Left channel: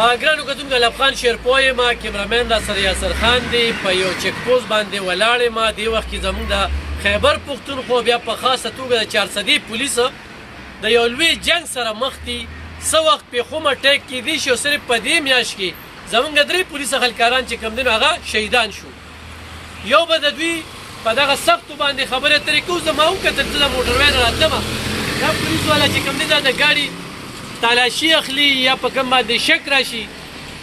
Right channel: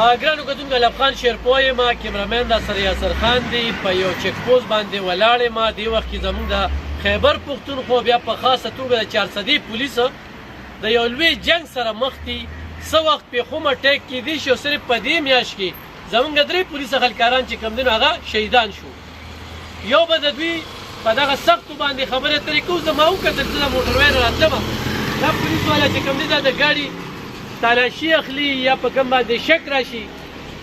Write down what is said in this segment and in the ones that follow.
ګرانو کتونکو لب خان شیرپوی یم، کیمرامین دا سره یاسر خان دی. په یو چک پوسټ باندې ولاړ یم. دې وخت کې زموږ د خیبر پښتونخوا بیا په خاصه توګه د 400 پولیس د یو لوی جنګ سره مخ دي. څه وخت پېښومه ټیک کېدی شي او صرف په دې میاشت کې زموږ 3 پولیس خلکاران چې کوم دي نو هغه شهیدان شو. یو به د دوی په دغه سختو باندې خبرې اترې کوو. زه ما وکتل چې د موټروی نه راتلمه، دا پولیس والا چې کوم دی دا د ګاډي تالاشي اخلي یا په کوم باندې شک راشي،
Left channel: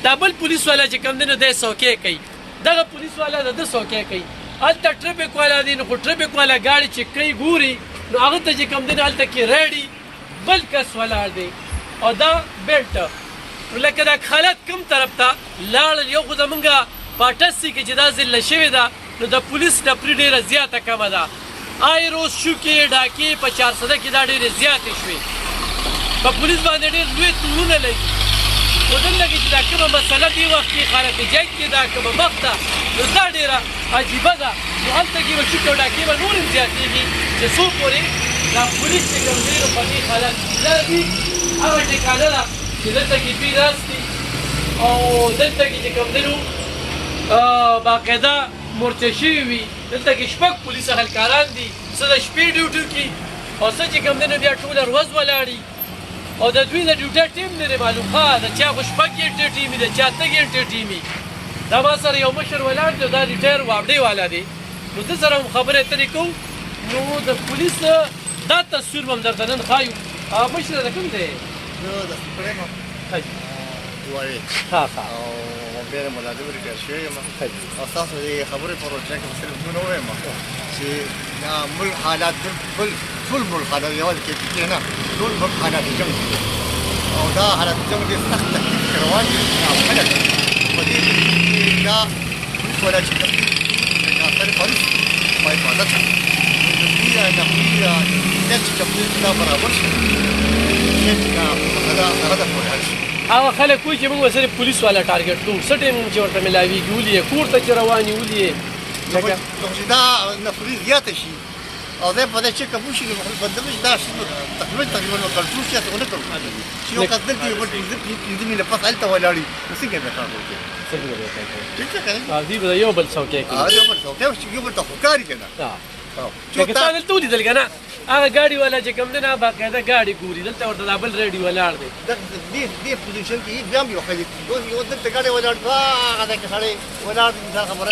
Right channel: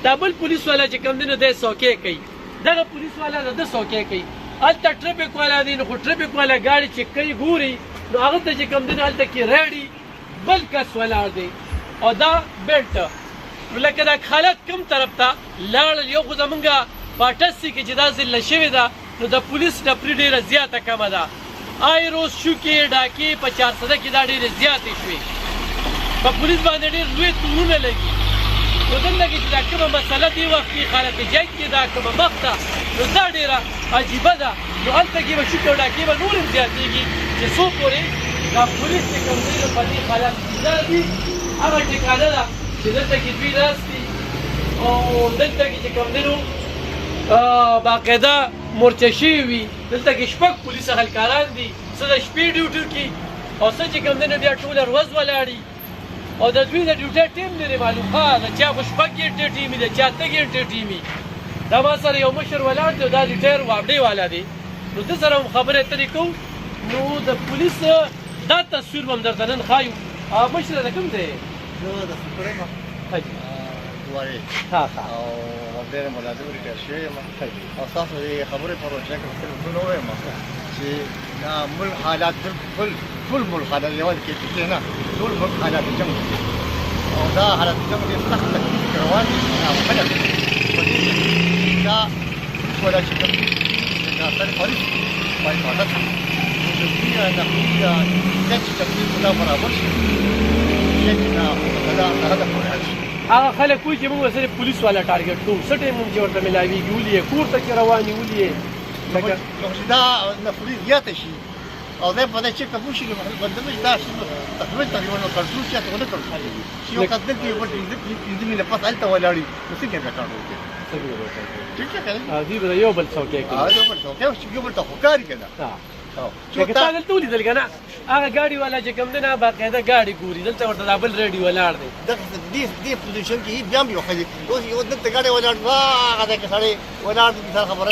دا بل پولیس والا چې کوم دی نو دی څوکۍ کوي، دغه پولیس والا د ده څوکۍ کوي. هلته ټرافیک والا دی، نو خو ټرافیک والا ګاډي چې کوي ګوري نو هغه ته چې کوم دی نو هلته کې ریډي بل کس ولاړ دی او دا بیلټ. نو لکه دا حالت کوم طرف ته لاړل، یو خو زمونږ پاټسي کې چې دا ضلع شوې ده نو د پولیس ډپري ډېره زیاته کمه ده. آی روز شوکې ډاکې په 400 کې دا ډېرې زیاتې شوې. په پولیس باندې ډېر لوی تورونه لګي. نو دلته کې چې دا کومه مسله دې وخت کې خالق جنګ کې دا کومه مخ ده نو دا ډېره عجیبه ده. نو هلته کې به شوکې او ډاکې به نور هم زیاتېږي چې څو پورې دا پولیس چې کوم دی نو په دې حالت کې دا دوی هغه ټکانه ده چې دلته کې دوی ناست دي او دلته کې چې کوم دی نو باقاعده مورچه شوي وي. دلته کې 6 پولیس خلکاران دي، څه د شپې ډیوټي کوي او څه چې کوم دی نو بیا ټوله ورځ ولاړي او د دوی د ډیوټۍ ټیم لري معلوم ښه د چا خو 6 ګنټې ټیم وي، د چا 8 ګنټې ټیم وي. دا ما سره یو مشر ولاړ دی او دا ریټایر واپډۍ والا دی. نو ده سره هم خبرې اترې کوو. نو د پولیس دا تصویر به هم درته نن ښایو. مشره د کوم دی؟ زه د سپرینګ دوارې او ډېر ملازم ریټایر شوی یم او ستاسو د خبرې په روزنه کې به صرف دومره ووایم چې دا ملک حالات بالکل ټول ملک حالات یوازې کې نه ټول ملک حالات جنګ او دا حالات جنګ ډېر سخت تکلیف کې روان دي او خلک په دې دا پولیس والا چې کوم دي د اثر پولیس په حفاظت کې نقلي دا برابر شي چې دا هدف ولري. هغه خلک کوي چې موږ صرف پولیس والا ټارګټ کوو، څه ټیم چې ورته ملاویږي ولې یې کور ته چې روان یې ولې یې دا نفري زیاته شي او دی په دې چې قبول شي بدلوي دا تقریبا کنټرول سیاسي ونه کړو چې یو کس دلته یو بل پنځه مینه پس هلته ولاړي نو څنګه به کار وکړي؟ دوی به د یو بل څوکۍ کوي. یو بل څوکۍ یو بل ته خو کاري که نه لکه تا دلته ولیدل که نه هغه ګاډي والا چې کوم دی نه باقاعده ګاډي ګوري، دلته ورته دا بل ریډي ولاړ دی. دې پوزیشن کې بیا هم یو ښځې یو دلته ګاډی ولاړ هغه دی که سړی ولاړ دي انسان خبره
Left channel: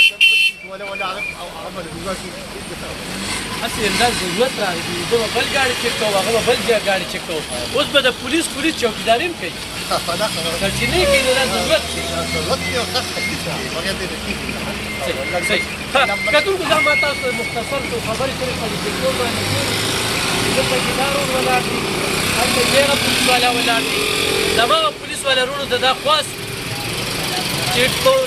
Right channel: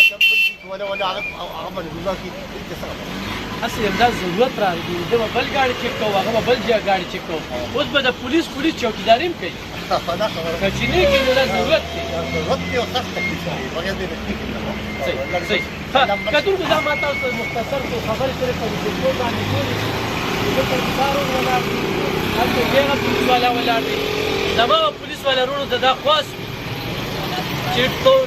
هسې همدا ضرورت راغلی زه به بل ګاډي چک کوم هغه به بل ګاډي چک کوم. اوس به د پولیس چوکیداري هم کوي چې نه کوي نو دا ضرورت دی. ضرورت دی او سخت تکلیف دی بغیر دې نه کېږي. کتونکو دا ما تاسو ته مختصر څو خبرې کړې په دې ټلیفون باندې ګوري چې دلته کې دا رول ولاړ دي، هلته هغه پولیس والا ولاړ دي. زماغه پولیس والا رونو ته دا خواست چې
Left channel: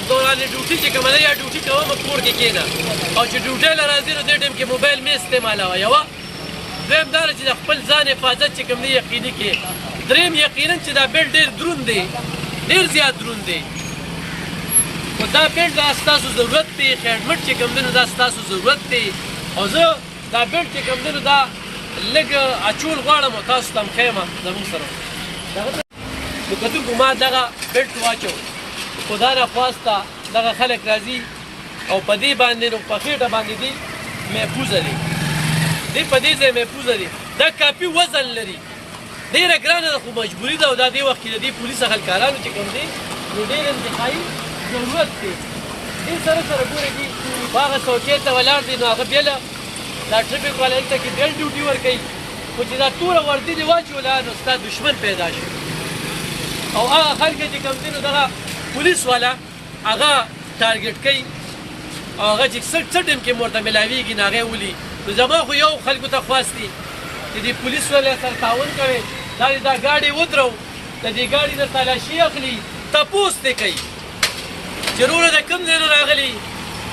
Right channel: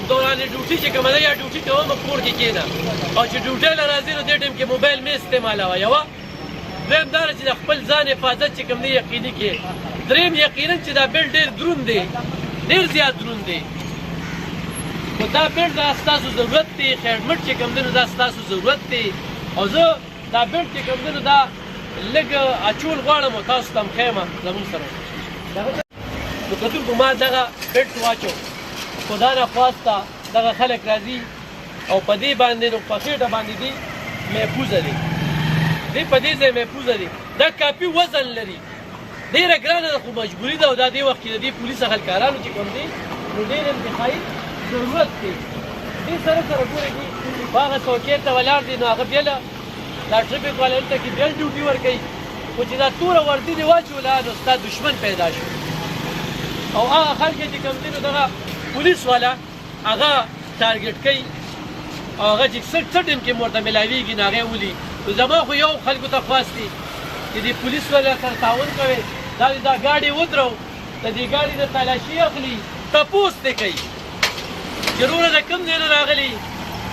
دوران ډیوټي چې کومه ده یا ډیوټي کومه کور کې کېنه او چې ډیوټۍ له راځي نو دې ټایم کې موبایل مې استعمالوه. یوه دویم دا ده چې د خپل ځان حفاظت چې کوم دی یقیني کړې. دریم یقینا چې دا بیلټ ډېر دروند دی، ډېر زیات دروند دی. خو دا بیلټ دا ستاسو ضرورت دی، خیرمټ چې کوم دی نو دا ستاسو ضرورت دی او زه دا بیلټ چې کوم دی نو دا لږ اچول غواړم او تاسو ته هم ښیم زموږ سره. نو کتونکو ما دغه بیلټ واچو خدا نه خواسته دغه خلک راځي او په دې باندې نو په خېټه باندې دي محفوظه دي، دې په دې ځای محفوظه دي. دا کافي وزن لري، ډېره ګرانه ده خو مجبوري ده او دا دې وخت کې د دې پولیس خلکارانو چې کوم دی نو ډېر انتخابي ضرورت دی. دې سره سره ګورئ دي په هغه څوکۍ ته ولاړ دي نو هغه بېله دا ټرافیک والا هلته کې بېل ډیوټي ورکوي خو چې دا ټوله وردي دې واچوله نو ستا دشمن پیدا شو او هغه خلک چې کوم دی نو دغه پولیس والا هغه ټارګټ کوي او هغه چې څه ټیم کې ورته ملاویږي نو هغه ولي. نو زما خو یو خلکو ته خواست دي چې دې پولیس والا سره تعاون کوئ، دا ګاډي ودرو د دې ګاډي نه تلاشي اخلي، تپوس دې کوي چې وروره د کوم ځای نه راغلي،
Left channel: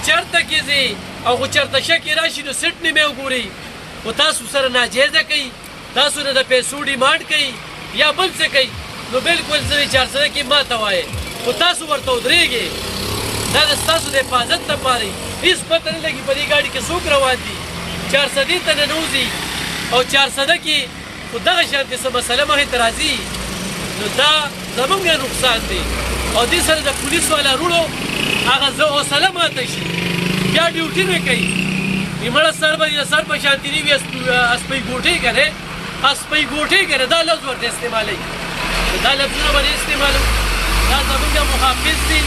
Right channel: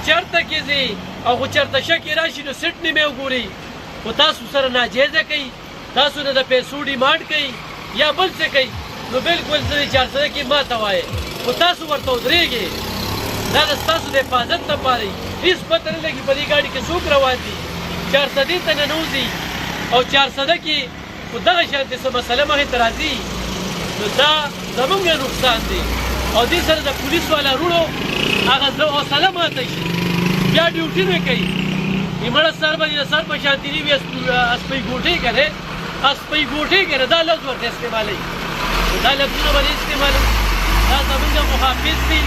چېرته کې ځې او خو چېرته شکې راشي نو سیټ مې وګورئ. خو تاسو سره ناجیزه کوي، تاسو نه د پیسو ډیمانډ کوي یا بل څه کوي نو بالکل زه 400 کې ماته وایي خو تاسو ورته ودرېږئ. دا د ستاسو د حفاظت لپاره هېڅ پته نه لګي په دې ګاډي کې څوک روان دي، 400 ته ننوځي او 400 کې خو دغه شانتې څه مسله مخې ته راځي نو دا زموږ نقصان دی. او دې سره د پولیس والا وروڼو هغه حوصله ماته شي یا ډیوټي به کوي مړه سر به سر په شانتي نه وي اسپۍ ګوټې که دی اسپۍ ګوټې که دی دا لفظ ورته استعمالوي دا لفظونه به نه استعمالوي دا زمونږ محافظ دي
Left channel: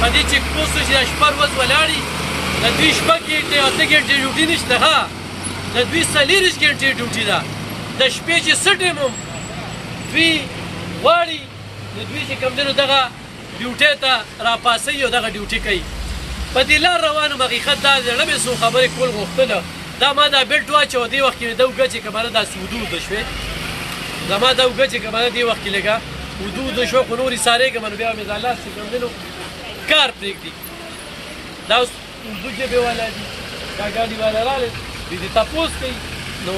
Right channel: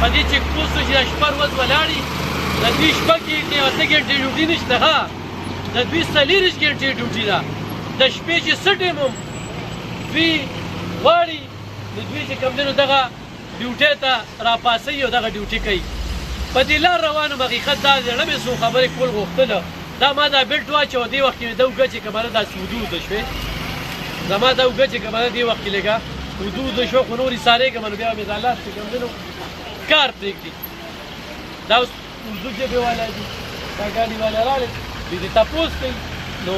په دې چیک پوسټو چې دا شپه ورځ ولاړي د دوی شپه کې د 8 ګنټې ډیوټي نشته ها د دوی 40 ګنټې ډیوټي ده د شپې چې څه ټایم هم دوی غواړي نو دوی چې کوم دی نو دغه ډیوټۍ ته راپاڅوي او دغه ډیوټي کوي په دې لار روانو حقیقت دا زړه مې څو خبرې کول غوښتله دا ما دا بیلټ واچو دې وخت کې د اوږه چې که بله داسې ودود شوې زما دا اوږه چې که بله دې وخت کې لږه ودود شوه خو نور ایسارېږم نو بیا مې دا لاس چې کوم دی نو کار پرېږدي دا اوس اردو ژبې والا دي دا ګاډي والا راغلی دوی دې تپوس کوي نو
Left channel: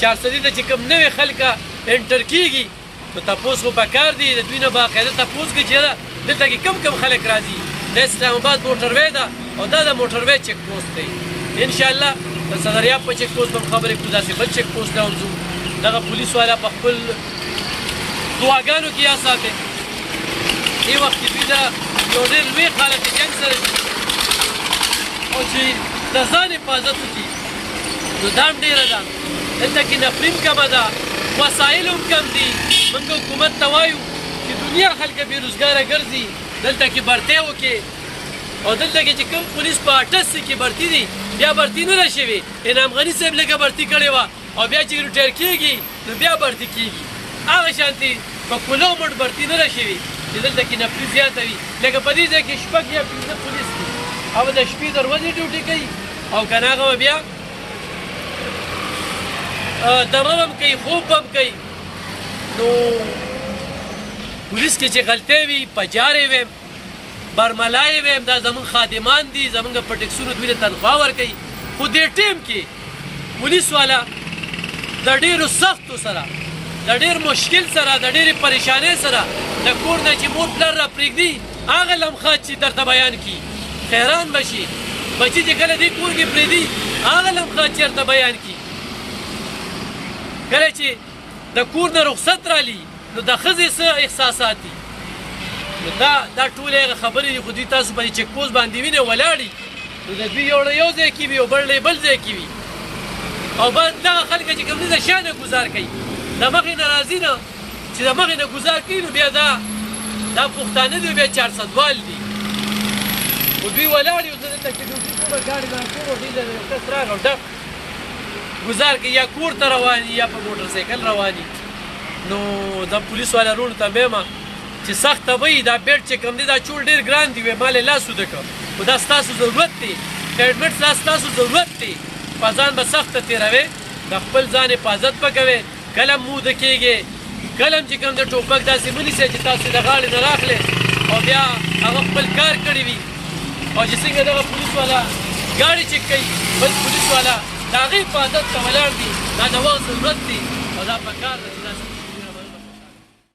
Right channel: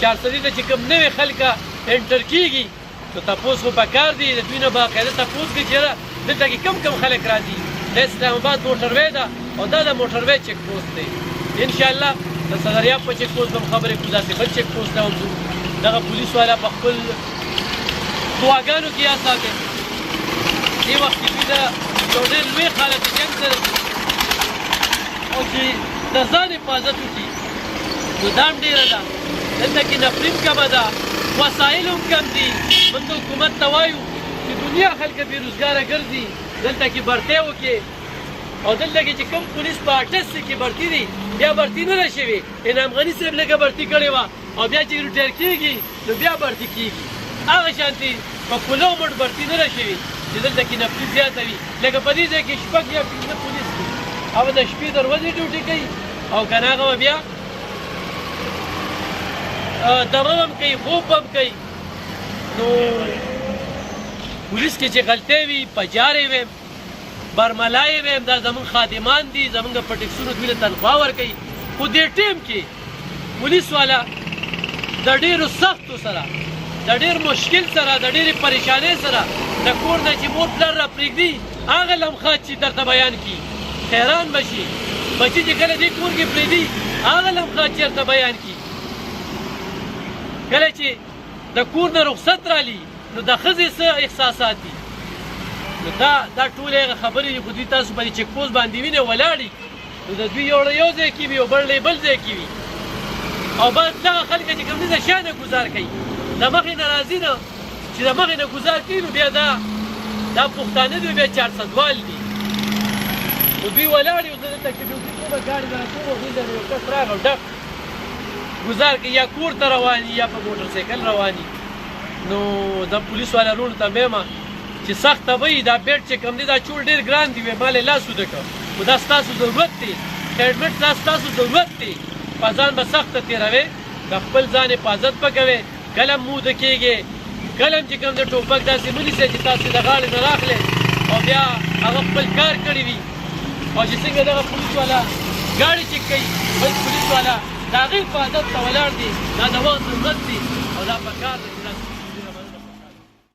چارسدي ته چې کوم نوې خلکه انټر کېږي نو تپوس خو پکار دي د دوی نه باقاعده تپوس کوي چې یاره دلته کې کم خلک راځي د اسلام آباد موټروی ده او دا د موټروی چیک پوسټ دی انشاءالله د صدریاب په چیک پوسټ به هم خبرې کړو داسې بل چیک پوسټ ته هم ځو دغه پولیس والا په خپل دعاګانو کې یا ساتي دې وخت کې دوی د یو ډېر لوی حالت جنګ سره دي او چې د ځان حفاظت وکړي نو دا هم ډېره ده دلته کې نفرین کمه ده وسایل هم کم دي موږ حکومت ته وایو چې دنیا خلک بېروزګاره ګرځي دلته کې برتۍ وکړي او دلته کې چې کوم پولیس په 88 کې برتي دي بیا برتي نه ده شوې انعام غني صاحب لږه برتي کړې وه او بیا چې ریټایر کېږي نو بیا برتي کېږي هغه شانتې په پولو مټ برتي نه ده شوې چې دلته کې نفري زیاته وي لکه په دې ځای کې شپږ یا 15 پولیس دي هغه د شپې د ورځې ډیوټي کوي او که نه هغه به بیا دمه هم کوي خوب هم کوي نو پولیس کې چې غلطۍ وي پجارې ویم برملای ویم دا زمونږ خادمان دي زمونږ په ټکسونو دوی له تنخوا ورکوي خو دې ټیم کې پولیس والا د ډېرو سختو سره د ډېر مشکل سره د ډېرې پریشانۍ سره د کور نه چې مور پلار را پرېږدي هغه لمحات چې درته بیان کړي حیران به شي بچي چې کله دې کور کې پرېږدي هغه لمحات چې درته بیان کړي کله چې د کور نه رخصت رالي نو د ښځې څه احساسات دي نو دا ټولې هغه خبرې دي خو دوی تاسو په دې چیک پوسټ باندې وینئ ولاړي نو د دوی یو یو ځای کې وي او بل ځای کې وي او دغه خلک چې کوم دي د شا نه ګزار کوي د مخې نه راځي نه چې د مخې نه ګزار کوي نو بیا دا پښتانه دي بیا 400 وال دي خو دوی ولاړ یو زه دلته کې ډیوټي کومه ګاډي نه کوم دلته یو کس راغی ډک ګزار کوي یا کور ته روان یا په موټر سایکل روان نو د پولیس والا وروڼو ته وایم چې سخته به وي دا بیټ چې کوم دی دا چول ډېر ګران دي ما یې لاس وده کړ خو دا ستاسو ضرورت دی هیلمټ دا ستاسو ضرورت دی په ځان به سخته تېروئ د خپل ځان حفاظت به کوئ کله هم موده کېږي کله هم چې کوم د ټوپک داسې مه نیسئ چې تاسو د غاړې نه راخلئ او بیا هغه خپل کار کړی وي او چې څنګه دغه پولیس والا ګاډي چیک کوي بل پولیس والا د هغې حفاظت ته ولاړ دي دا د وخت ضرورت دی او دا پکار ده چې داسې